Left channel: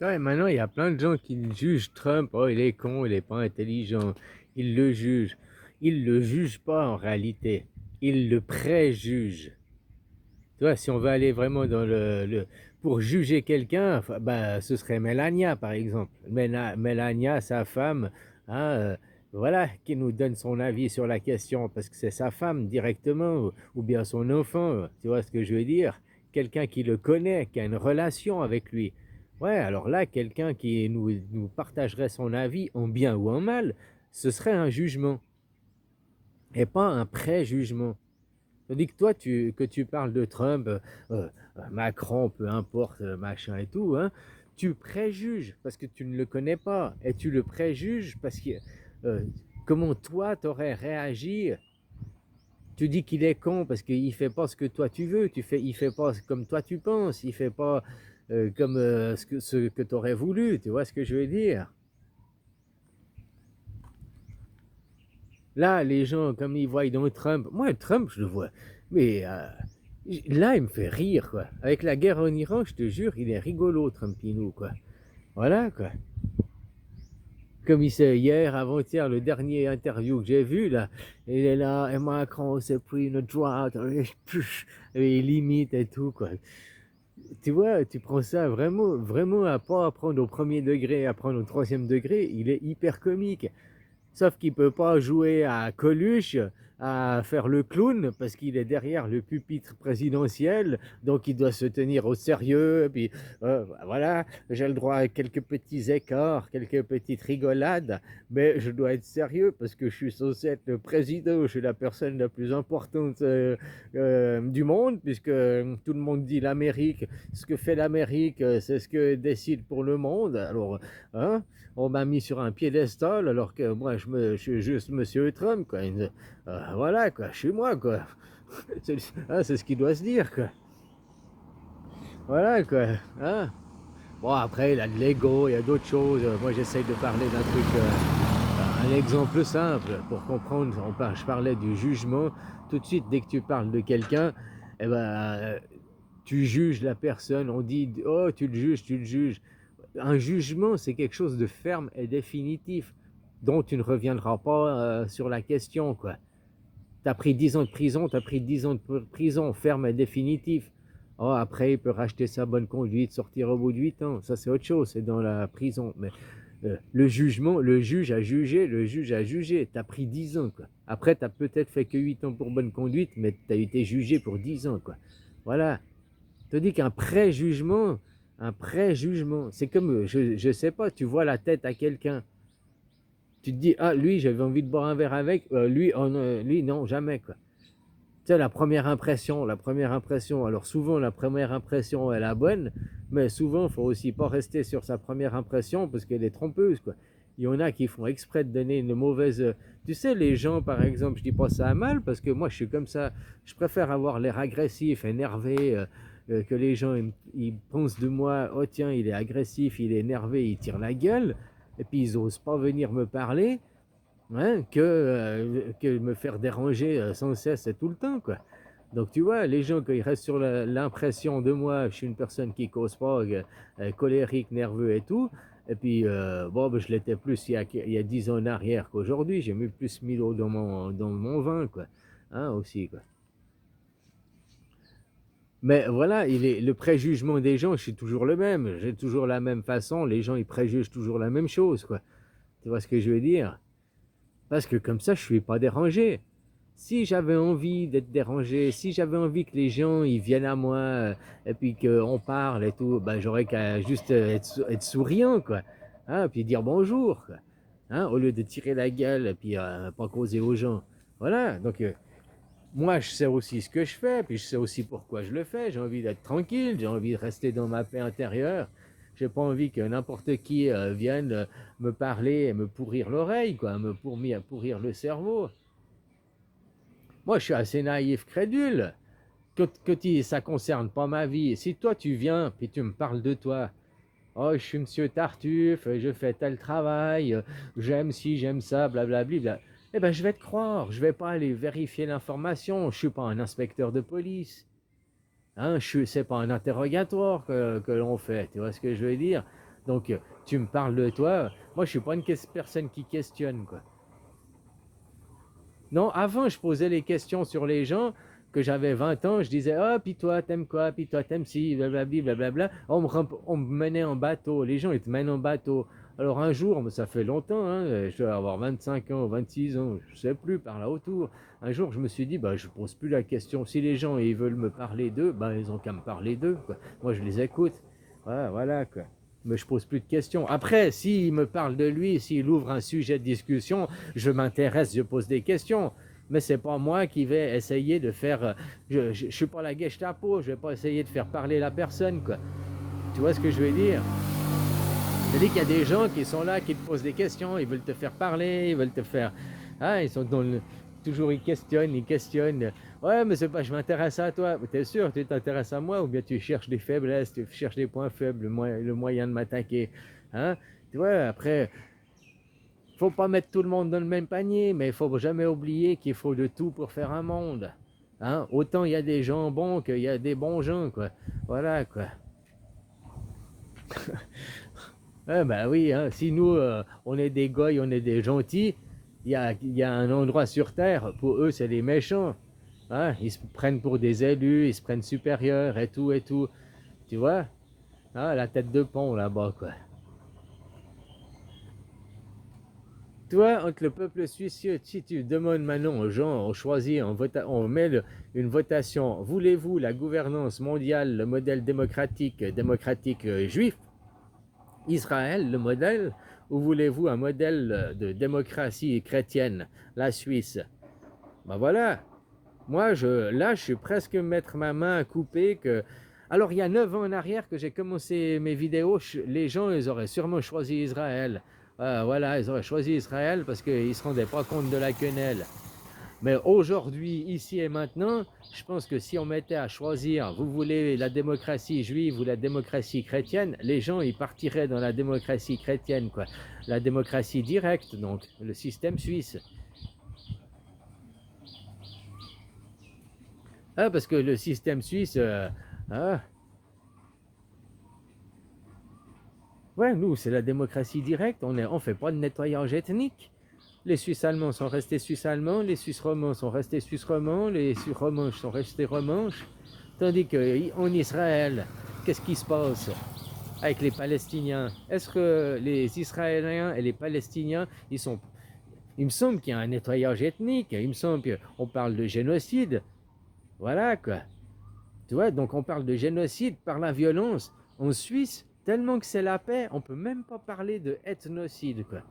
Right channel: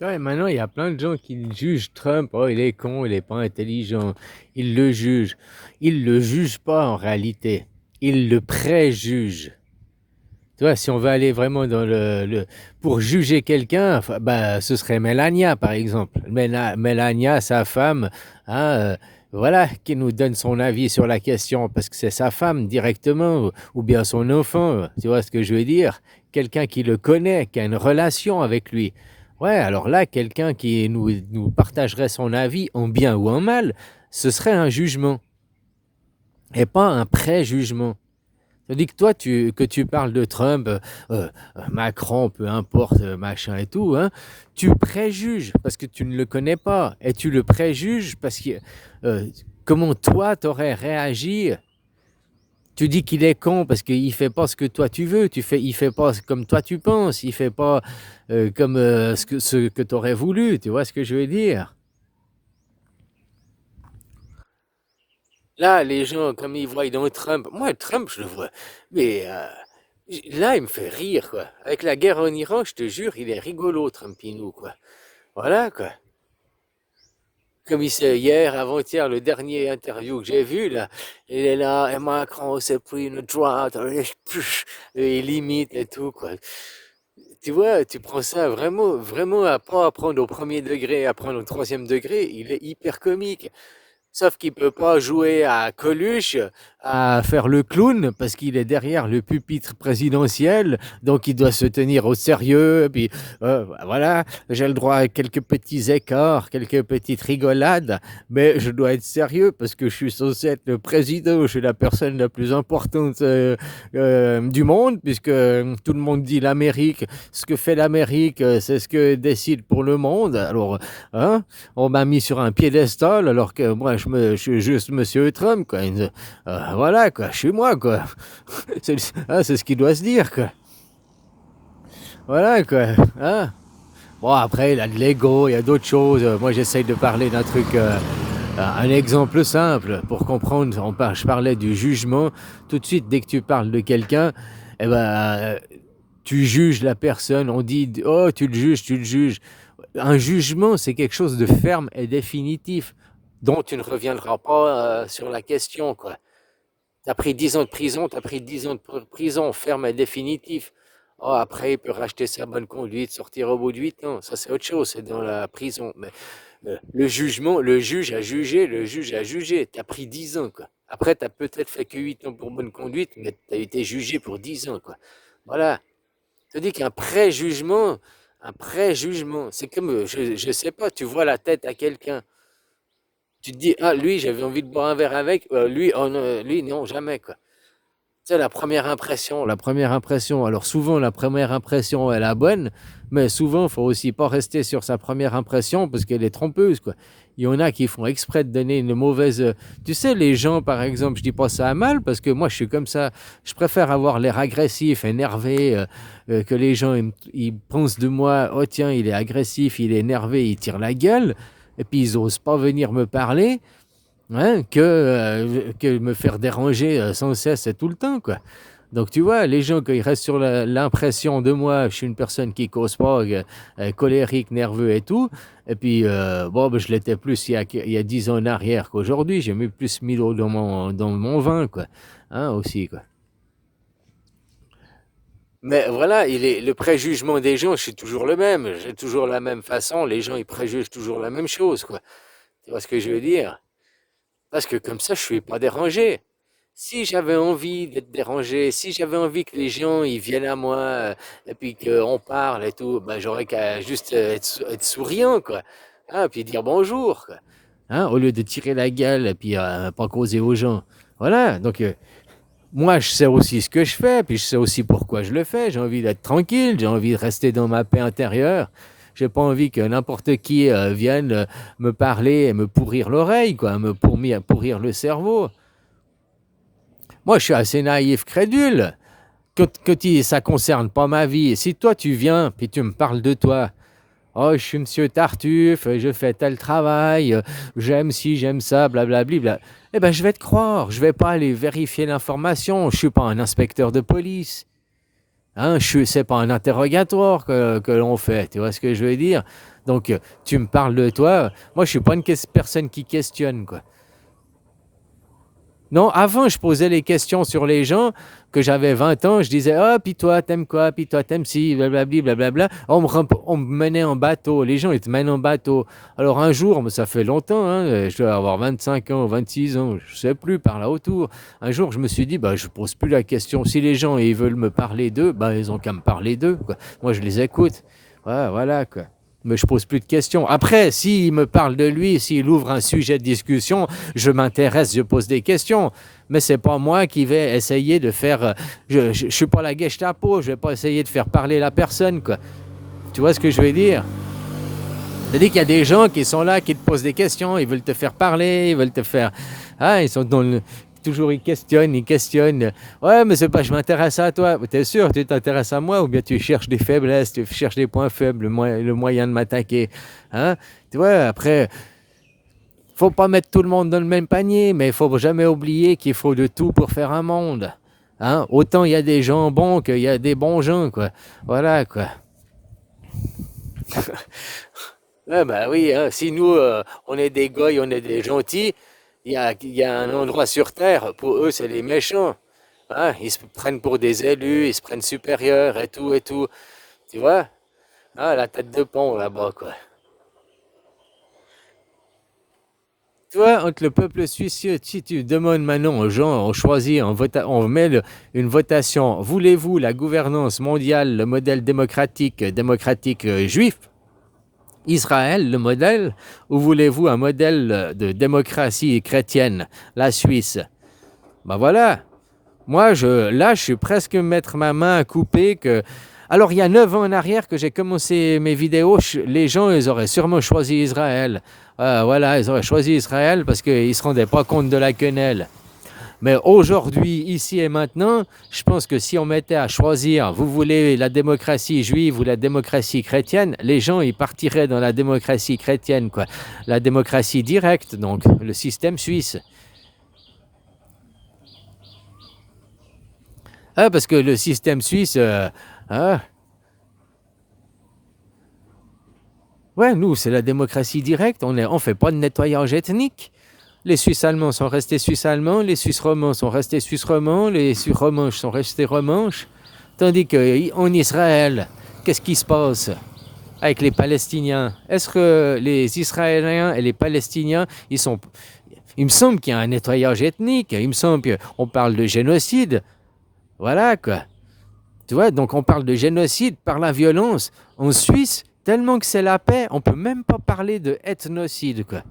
Ouais, maintenant, il y a plein de gens qui jugent Trump. Oh, il est con, il est pas intelligent. Ils le jugent. Ils le jugent pas en réalité. Ils le préjugent. Tu vois, si on veut aller vraiment dans pour juger quelqu'un, enfin, bah, ce serait Melania, par exemple. Melania, sa femme, hein, voilà, qui nous donne son avis sur la question, parce que c'est sa femme directement, ou bien son enfant, tu vois ce que je veux dire? Quelqu'un qui le connaît, qui a une relation avec lui. Ouais, alors là, quelqu'un qui nous partagerait son avis en bien ou en mal, ce serait un jugement, et pas un préjugement. Tandis que toi, que tu parles de Trump, Macron, peu importe, machin et tout, hein, tu préjuges parce que tu ne le connais pas. Et tu le préjuges parce que euh, comment toi, t'aurais réagi. Tu dis qu'il est con parce qu'il fait pas ce que toi tu veux. Il fait pas comme toi tu penses. Il fait pas comme ce que tu aurais voulu. Tu vois ce que je veux dire? Là, les gens, comme ils voient dans Trump, moi, Trump, je le vois, mais là, il me fait rire, quoi. Avec la guerre en Iran, je te jure, il est rigolo, Trumpinou, quoi. Voilà, quoi. Comme il sait, hier, avant-hier, le dernier interview que j'ai vu, là, il est là, et Macron s'est pris une droite, et il imite et tout, quoi. Tu vois, tu prends ça vraiment, vraiment à pas à prendre au premier degré, à prendre au troisième degré, il est hyper comique. Sauf qu'il peut pas jouer à Coluche, à faire le clown, parce qu'il est derrière le pupitre présidentiel, donc il doit se tenir au sérieux. Et puis voilà, j'ai le droit à quelques petits écarts, quelques petites rigolades, mais je dois être sérieux parce que je suis censé être le président, je suis la personne la plus importante du monde, puisque tout le monde dit l'Amérique, ce que fait l'Amérique, c'est ce que décide pour le monde. Alors, hein, on m'a mis sur un piédestal alors que moi je suis juste Monsieur Trump, quoi. Voilà, quoi, je suis moi, quoi. C'est ce qui doit se dire, quoi. Voilà, quoi. Hein. Bon, après, il y a de l'ego, il y a d'autres choses. Moi, j'essaye de parler d'un truc, un exemple simple pour comprendre. Je parlais du jugement. Tout de suite, dès que tu parles de quelqu'un, eh ben, tu juges la personne. On dit, oh, tu le juges, tu le juges. Un jugement, c'est quelque chose de ferme et définitif, dont tu ne reviendras pas sur la question, quoi. Tu as pris 10 ans de prison, tu as pris 10 ans de prison, ferme et définitif. Oh, après, il peut racheter sa bonne conduite, sortir au bout de 8 ans. Ça, c'est autre chose, c'est dans la prison. Mais le jugement, le juge a jugé, le juge a jugé. Tu as pris 10 ans, quoi. Après, tu as peut-être fait que 8 ans pour bonne conduite, mais tu as été jugé pour 10 ans, quoi. Voilà. Je te dis un préjugement, c'est comme, je sais pas, tu vois la tête à quelqu'un, tu te dis, ah, lui, j'avais envie de boire un verre avec, lui, oh, non, lui, non, jamais, quoi. Tu sais, la première impression, alors souvent, la première impression est la bonne, mais souvent, il faut aussi pas rester sur sa première impression parce qu'elle est trompeuse, quoi. Il y en a qui font exprès de donner une mauvaise. Tu sais, les gens, par exemple, je dis pas ça à mal parce que moi, je suis comme ça. Je préfère avoir l'air agressif, énervé, que les gens ils pensent de moi, oh tiens, il est agressif, il est énervé, il tire la gueule, et puis ils osent pas venir me parler, hein, que me faire déranger sans cesse et tout le temps, quoi. Donc tu vois, les gens, quand ils restent sur l'impression de moi, je suis une personne qui cause pas, colérique, nerveux et tout, et puis bon, ben, je l'étais plus il y a 10 ans en arrière qu'aujourd'hui, j'ai mis plus 1000 euros dans mon vin, quoi. Hein, aussi, quoi. Mais voilà, le préjugement des gens, je suis toujours le même, j'ai toujours la même façon, les gens, ils préjugent toujours la même chose, quoi. Tu vois ce que je veux dire? Parce que comme ça, je suis pas dérangé. Si j'avais envie d'être dérangé, si j'avais envie que les gens ils viennent à moi et puis qu'on parle et tout, ben, j'aurais qu'à juste être souriant, quoi. Hein, puis dire bonjour, quoi. Hein, au lieu de tirer la gueule et puis pas causer aux gens. Voilà, donc moi je sais aussi ce que je fais, puis je sais aussi pourquoi je le fais. J'ai envie d'être tranquille, j'ai envie de rester dans ma paix intérieure. J'ai pas envie que n'importe qui vienne me parler et me pourrir l'oreille, quoi, pourrir le cerveau. Moi, je suis assez naïf, crédule. Ça concerne pas ma vie. Si toi, tu viens, puis tu me parles de toi, oh, je suis monsieur Tartuffe, je fais tel travail, j'aime ci, j'aime ça, blablabli, bla. Eh ben, je vais te croire. Je vais pas aller vérifier l'information. Je suis pas un inspecteur de police. Hein, c'est pas un interrogatoire que l'on fait. Tu vois ce que je veux dire? Donc, tu me parles de toi. Moi, je suis pas une personne qui questionne, quoi. Non, avant, je posais les questions sur les gens. Que j'avais 20 ans, je disais, ah, puis toi, t'aimes quoi? Puis toi, t'aimes ci, blablabli, blablabla. On me menait en bateau. Les gens, ils te mènent en bateau. Alors, un jour, mais ça fait longtemps, hein, je dois avoir 25 ans, 26 ans, je sais plus, par là autour. Un jour, je me suis dit, bah, je pose plus la question. Si les gens, ils veulent me parler d'eux, bah, ils ont qu'à me parler d'eux, quoi. Moi, je les écoute. Ouais, voilà, quoi. Mais je pose plus de questions. Après, s'il me parle de lui, s'il ouvre un sujet de discussion, je m'intéresse, je pose des questions. Mais c'est pas moi qui vais essayer de faire. Je suis pas la Gestapo, je vais pas essayer de faire parler la personne, quoi. Tu vois ce que je veux dire? C'est-à-dire qu'il y a des gens qui sont là, qui te posent des questions, ils veulent te faire parler, ils veulent te faire. Ah, ils sont dans le. Toujours ils questionnent, ils questionnent. Ouais, mais c'est pas, je m'intéresse à toi. T'es sûr, tu t'intéresses à moi ou bien tu cherches des faiblesses, tu cherches des points faibles, le moyen de m'attaquer. Hein? Tu vois, après, faut pas mettre tout le monde dans le même panier, mais il faut jamais oublier qu'il faut de tout pour faire un monde. Hein? Autant il y a des gens bons qu'il y a des bons gens, quoi. Voilà, quoi. Ah ben oui, hein, si nous, on est des goy, on est des gentils, il y a un endroit sur Terre, pour eux, c'est les méchants. Hein? Ils se prennent pour des élus, ils se prennent supérieurs et tout et tout. Tu vois? Ah, la tête de pont là-bas, quoi. Tu vois, entre le peuple suisse, si tu demandes maintenant aux gens, on choisit, on met une votation. Voulez-vous la gouvernance mondiale, le modèle démocratique juif, Israël, le modèle, ou voulez-vous un modèle de démocratie chrétienne, la Suisse? Ben voilà. Moi, là, je suis presque mettre ma main à couper que. Alors, il y a 9 ans en arrière que j'ai commencé mes vidéos, les gens, ils auraient sûrement choisi Israël. Voilà, ils auraient choisi Israël parce qu'ils ne se rendaient pas compte de la quenelle. Mais aujourd'hui, ici et maintenant, je pense que si on mettait à choisir, vous voulez la démocratie juive ou la démocratie chrétienne, les gens, ils partiraient dans la démocratie chrétienne, quoi. La démocratie directe, donc, le système suisse. Ah, parce que le système suisse, ah, ouais, nous, c'est la démocratie directe. On fait pas de nettoyage ethnique. Les Suisses allemands sont restés Suisses allemands, les Suisses romands sont restés Suisses romands, les Suisses romanches sont restés romanches. Tandis qu'en Israël, qu'est-ce qui se passe avec les Palestiniens? Est-ce que les Israéliens et les Palestiniens, il me semble qu'il y a un nettoyage ethnique, il me semble qu'on parle de génocide. Voilà, quoi. Tu vois, donc on parle de génocide par la violence. En Suisse, tellement que c'est la paix, on peut même pas parler de ethnocide, quoi.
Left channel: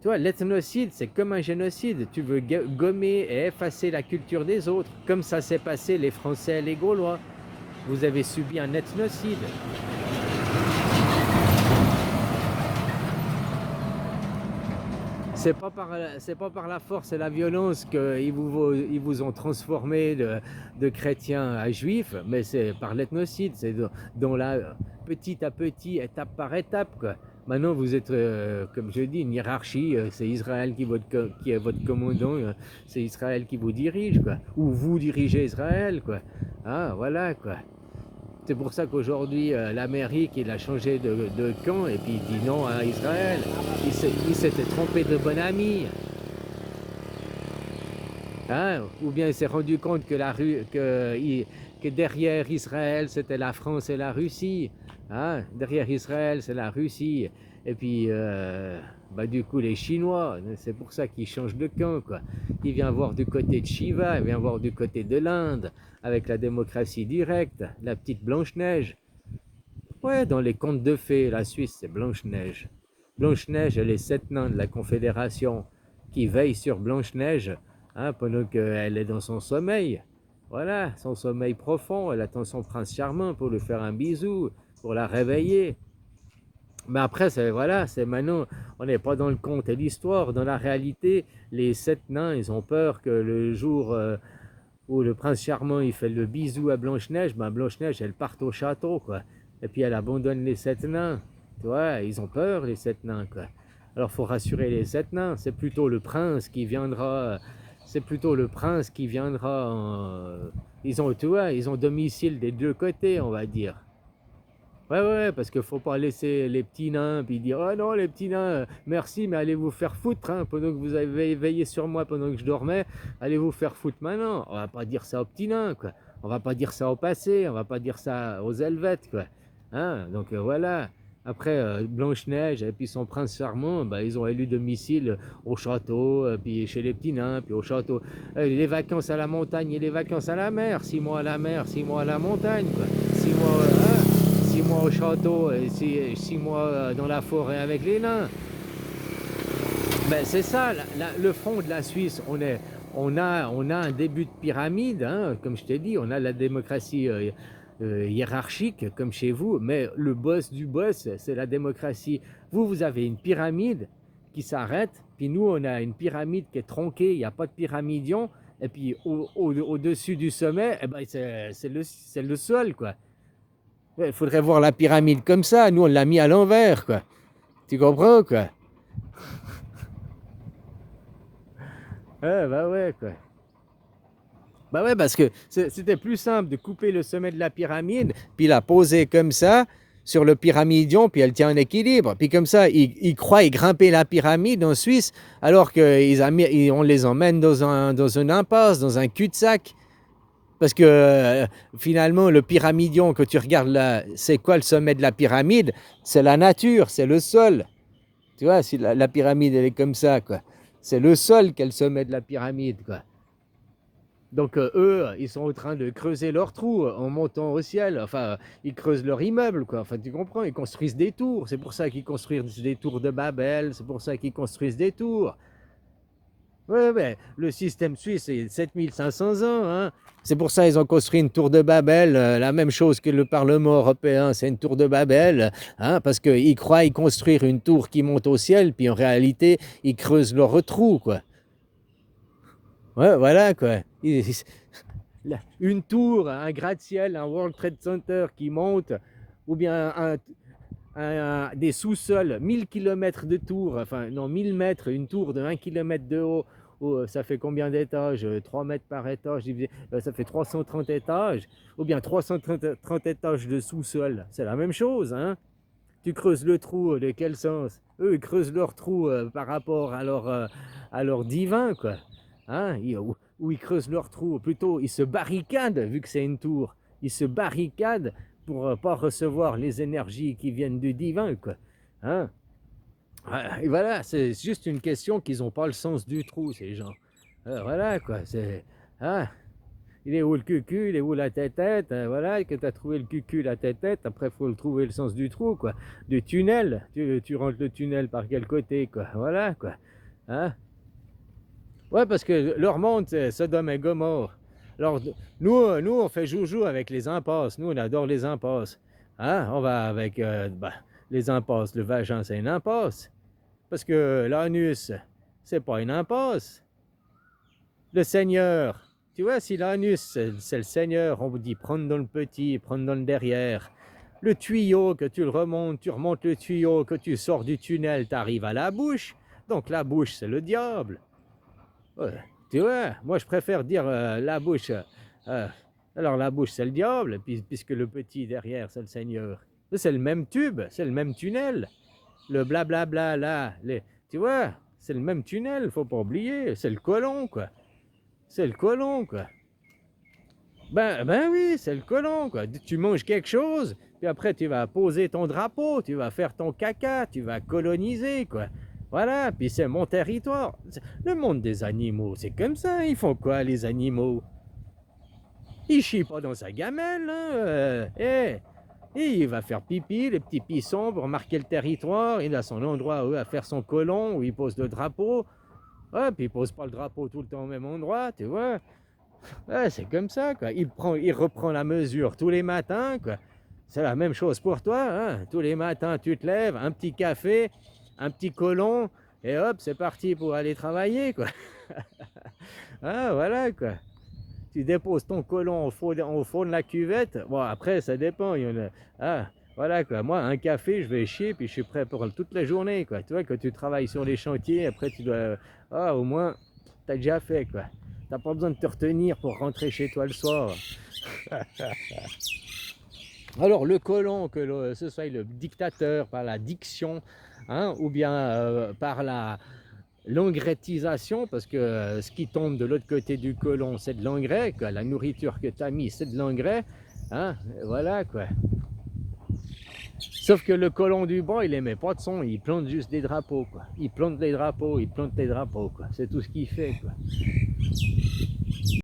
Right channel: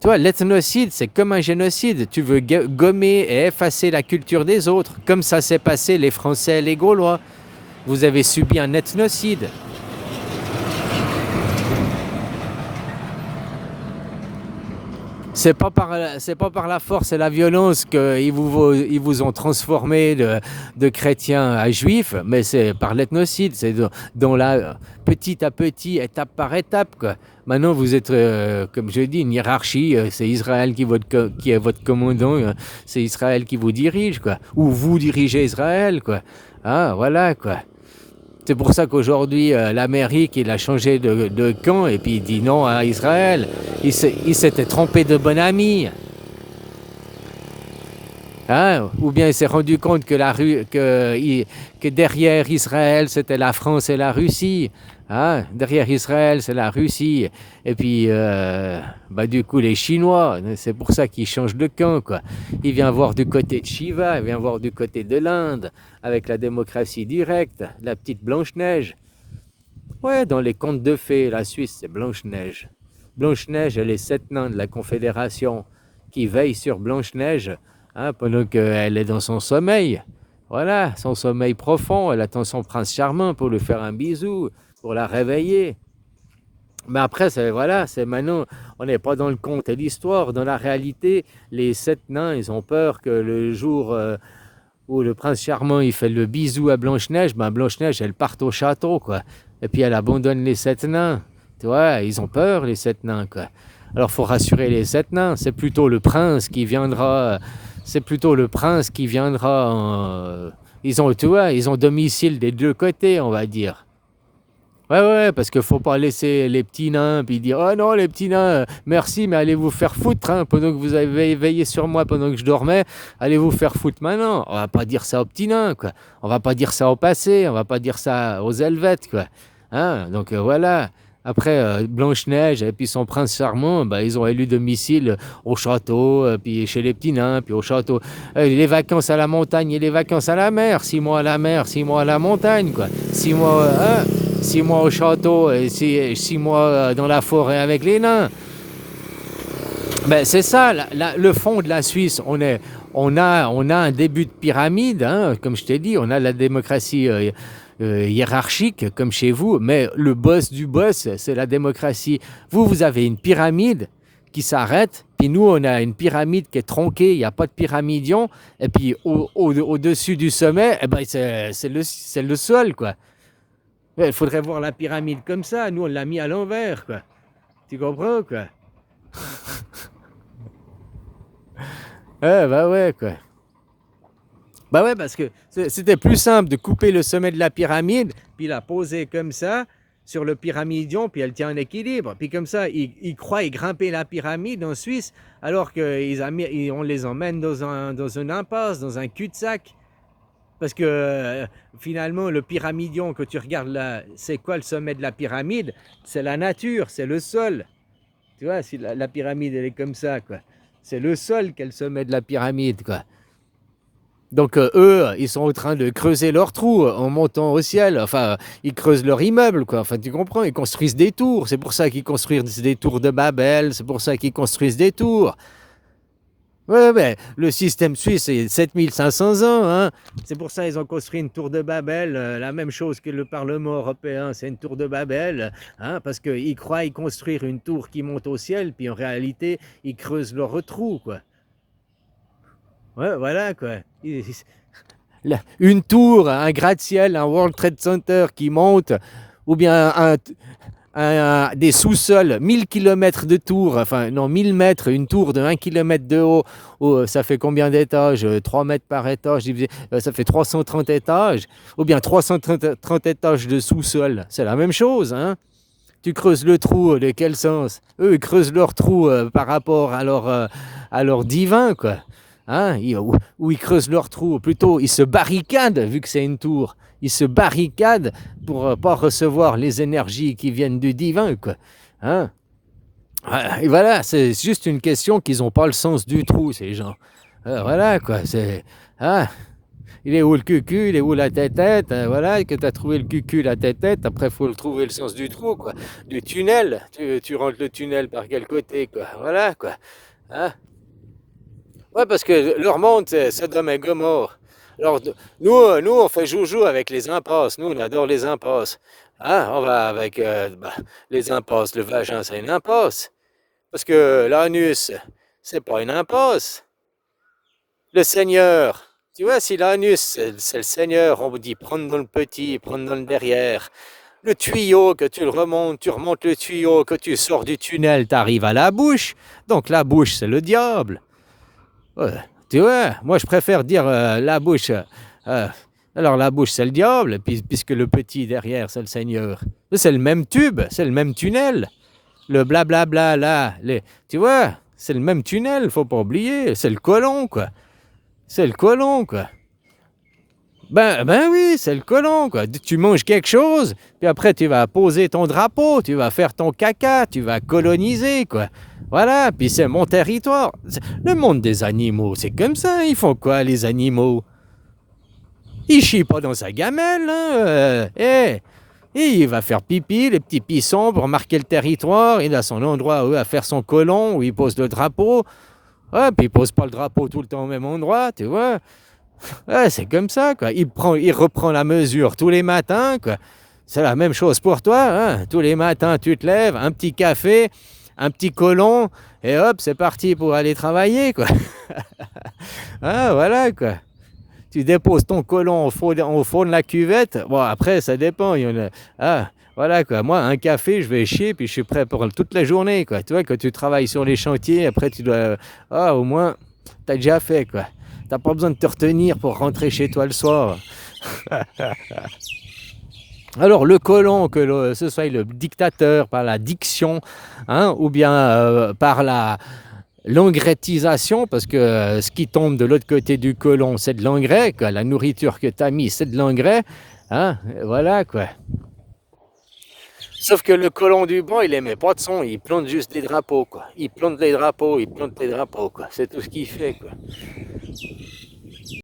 Tu vois, l'ethnocide, c'est comme un génocide. Tu veux gommer et effacer la culture des autres, comme ça s'est passé les Français et les Gaulois. Vous avez subi un ethnocide. C'est pas par la force et la violence qu'ils vous ont transformé de chrétiens à juifs, mais c'est par l'ethnocide. C'est dans la petit à petit, étape par étape, quoi. Maintenant, vous êtes, comme je dis, une hiérarchie. C'est Israël qui est votre commandant. C'est Israël qui vous dirige, quoi. Ou vous dirigez Israël, quoi. Ah, voilà, quoi. C'est pour ça qu'aujourd'hui, l'Amérique, il a changé de camp et puis il dit non à Israël. Il s'était trompé de bon ami. Hein? Ou bien il s'est rendu compte que derrière Israël, c'était la France et la Russie. Hein? Derrière Israël, c'est la Russie. Et puis, du coup, les Chinois, c'est pour ça qu'ils changent de camp, quoi. Il vient voir du côté de Shiva, il vient voir du côté de l'Inde, avec la démocratie directe, la petite Blanche-Neige. Ouais, dans les contes de fées, la Suisse, c'est Blanche-Neige. Blanche-Neige et les 7 nains de la Confédération qui veillent sur Blanche-Neige, hein, pendant qu'elle est dans son sommeil. Voilà, son sommeil profond. Elle attend son prince charmant pour lui faire un bisou, pour la réveiller. Mais après, c'est maintenant, on n'est pas dans le conte et l'histoire. Dans la réalité, les 7 nains, ils ont peur que le jour où le prince charmant il fait le bisou à Blanche-Neige, Blanche-Neige, elle parte au château, quoi. Et puis elle abandonne les 7 nains. Tu vois, ils ont peur, les 7 nains, quoi. Alors, faut rassurer les 7 nains. C'est plutôt le prince qui viendra. C'est plutôt le prince qui viendra. Tu vois, ils ont domicile des deux côtés, on va dire. Ouais, ouais, parce qu'il faut pas laisser les petits nains, puis dire: «Oh non, les petits nains, merci, mais allez vous faire foutre, hein, pendant que vous avez veillé sur moi pendant que je dormais, allez vous faire foutre maintenant». On va pas dire ça aux petits nains, quoi. On va pas dire ça au passé, on va pas dire ça aux Helvètes, quoi. Hein? Donc voilà. Après, Blanche-Neige et puis son prince charmant, bah, ils ont élu domicile au château, puis chez les petits nains, puis au château. Les vacances à la montagne et les vacances à la mer, 6 mois à la mer, 6 mois à la montagne, quoi. 6 mois, hein? 6 mois au château et 6 mois dans la forêt avec les nains. Ben, c'est ça, le fond de la Suisse. On a un début de pyramide, hein, comme je t'ai dit, on a la démocratie hiérarchique, comme chez vous, mais le boss du boss, c'est la démocratie. Vous avez une pyramide qui s'arrête, puis nous, on a une pyramide qui est tronquée, il n'y a pas de pyramidion, et puis au-dessus du sommet, eh ben, c'est le sol, quoi. Il faudrait voir la pyramide comme ça. Nous, on l'a mis à l'envers, quoi. Tu comprends, quoi? Bah ouais, quoi. Bah ouais, parce que c'était plus simple de couper le sommet de la pyramide, puis la poser comme ça sur le pyramidion, puis elle tient en équilibre. Puis comme ça, ils croient grimper la pyramide en Suisse, alors qu'on les emmène dans une impasse, dans un cul-de-sac. Parce que finalement, le pyramidion que tu regardes là, c'est quoi le sommet de la pyramide? C'est la nature, c'est le sol. Tu vois, si la pyramide, elle est comme ça, quoi. C'est le sol qui est le sommet de la pyramide, quoi. Donc eux, ils sont en train de creuser leur trou en montant au ciel. Enfin, ils creusent leur immeuble, quoi. Enfin, tu comprends, ils construisent des tours. C'est pour ça qu'ils construisent des tours de Babel. C'est pour ça qu'ils construisent des tours. Ouais, mais le système suisse, c'est 7500 ans. Hein. C'est pour ça qu'ils ont construit une tour de Babel, la même chose que le Parlement européen, c'est une tour de Babel, hein, parce qu'ils croient y construire une tour qui monte au ciel, puis en réalité, ils creusent leur trou, quoi. Ouais, voilà, quoi. Une tour, un gratte-ciel, un World Trade Center qui monte, ou bien des sous-sols, 1000 km de tour, enfin non, 1000 mètres, une tour de 1 km de haut, ça fait combien d'étages? 3 mètres par étage, ça fait 330 étages, ou bien 330 étages de sous-sol, c'est la même chose, hein? Tu creuses le trou, de quel sens? Eux, ils creusent leur trou par rapport à leur divin, quoi. Hein? Ou ils creusent leur trou, plutôt ils se barricadent, vu que c'est une tour. Ils se barricadent pour ne pas recevoir les énergies qui viennent du divin, quoi. Hein? Et voilà, c'est juste une question qu'ils n'ont pas le sens du trou, ces gens. Voilà, quoi. Hein? Il est où le cucu, il est où la tête-tête, voilà, que tu as trouvé le cucu, la tête-tête, après il faut le trouver le sens du trou, quoi. Du tunnel, tu rentres le tunnel par quel côté, quoi. Voilà, quoi. Hein? Ouais, parce que leur monde, c'est Sodome et Gomorre. Alors, nous, on fait joujou avec les impasses. Nous, on adore les impasses. Hein? On va avec les impasses. Le vagin, c'est une impasse. Parce que l'anus, c'est pas une impasse. Le Seigneur, tu vois, si l'anus, c'est le Seigneur, on vous dit prendre dans le petit, prendre dans le derrière. Le tuyau, que tu remontes le tuyau, que tu sors du tunnel, tu arrives à la bouche. Donc la bouche, c'est le diable. Ouais, tu vois, moi je préfère dire la bouche. Alors la bouche c'est le diable, puisque le petit derrière c'est le Seigneur. C'est le même tube, c'est le même tunnel. Le blablabla là, tu vois, c'est le même tunnel, faut pas oublier. C'est le colon, quoi. C'est le colon, quoi. Ben oui, c'est le colon, quoi. Tu manges quelque chose, puis après tu vas poser ton drapeau, tu vas faire ton caca, tu vas coloniser, quoi. Voilà, puis c'est mon territoire. Le monde des animaux, c'est comme ça. Ils font quoi, les animaux? Ils chient pas dans sa gamelle, hein. Et il va faire pipi, les petits pissons, pour marquer le territoire. Il a son endroit où il va faire son colon, où il pose le drapeau. Ouais, puis il pose pas le drapeau tout le temps au même endroit, tu vois. Ouais, c'est comme ça, quoi. Il reprend la mesure tous les matins, quoi. C'est la même chose pour toi, hein. Tous les matins, tu te lèves, un petit café, un petit colon, et hop, c'est parti pour aller travailler, quoi. Ah, voilà, quoi. Tu déposes ton colon au fond de la cuvette. Bon, après, ça dépend. Voilà, quoi. Moi, un café, je vais chier, puis je suis prêt pour toute la journée, quoi. Tu vois, quand tu travailles sur les chantiers, après, tu dois... au moins, tu as déjà fait, quoi. Tu n'as pas besoin de te retenir pour rentrer chez toi le soir. Alors le colon, ce soit le dictateur par la diction, hein, ou bien par la l'engrais-tisation, parce que ce qui tombe de l'autre côté du colon, c'est de l'engrais, quoi. La nourriture que tu as mis, c'est de l'engrais, hein, voilà quoi. Sauf que le colon du banc, il aimait pas de son, il plante juste des drapeaux, quoi. Il plante les drapeaux, il plante les drapeaux, quoi. C'est tout ce qu'il fait, quoi.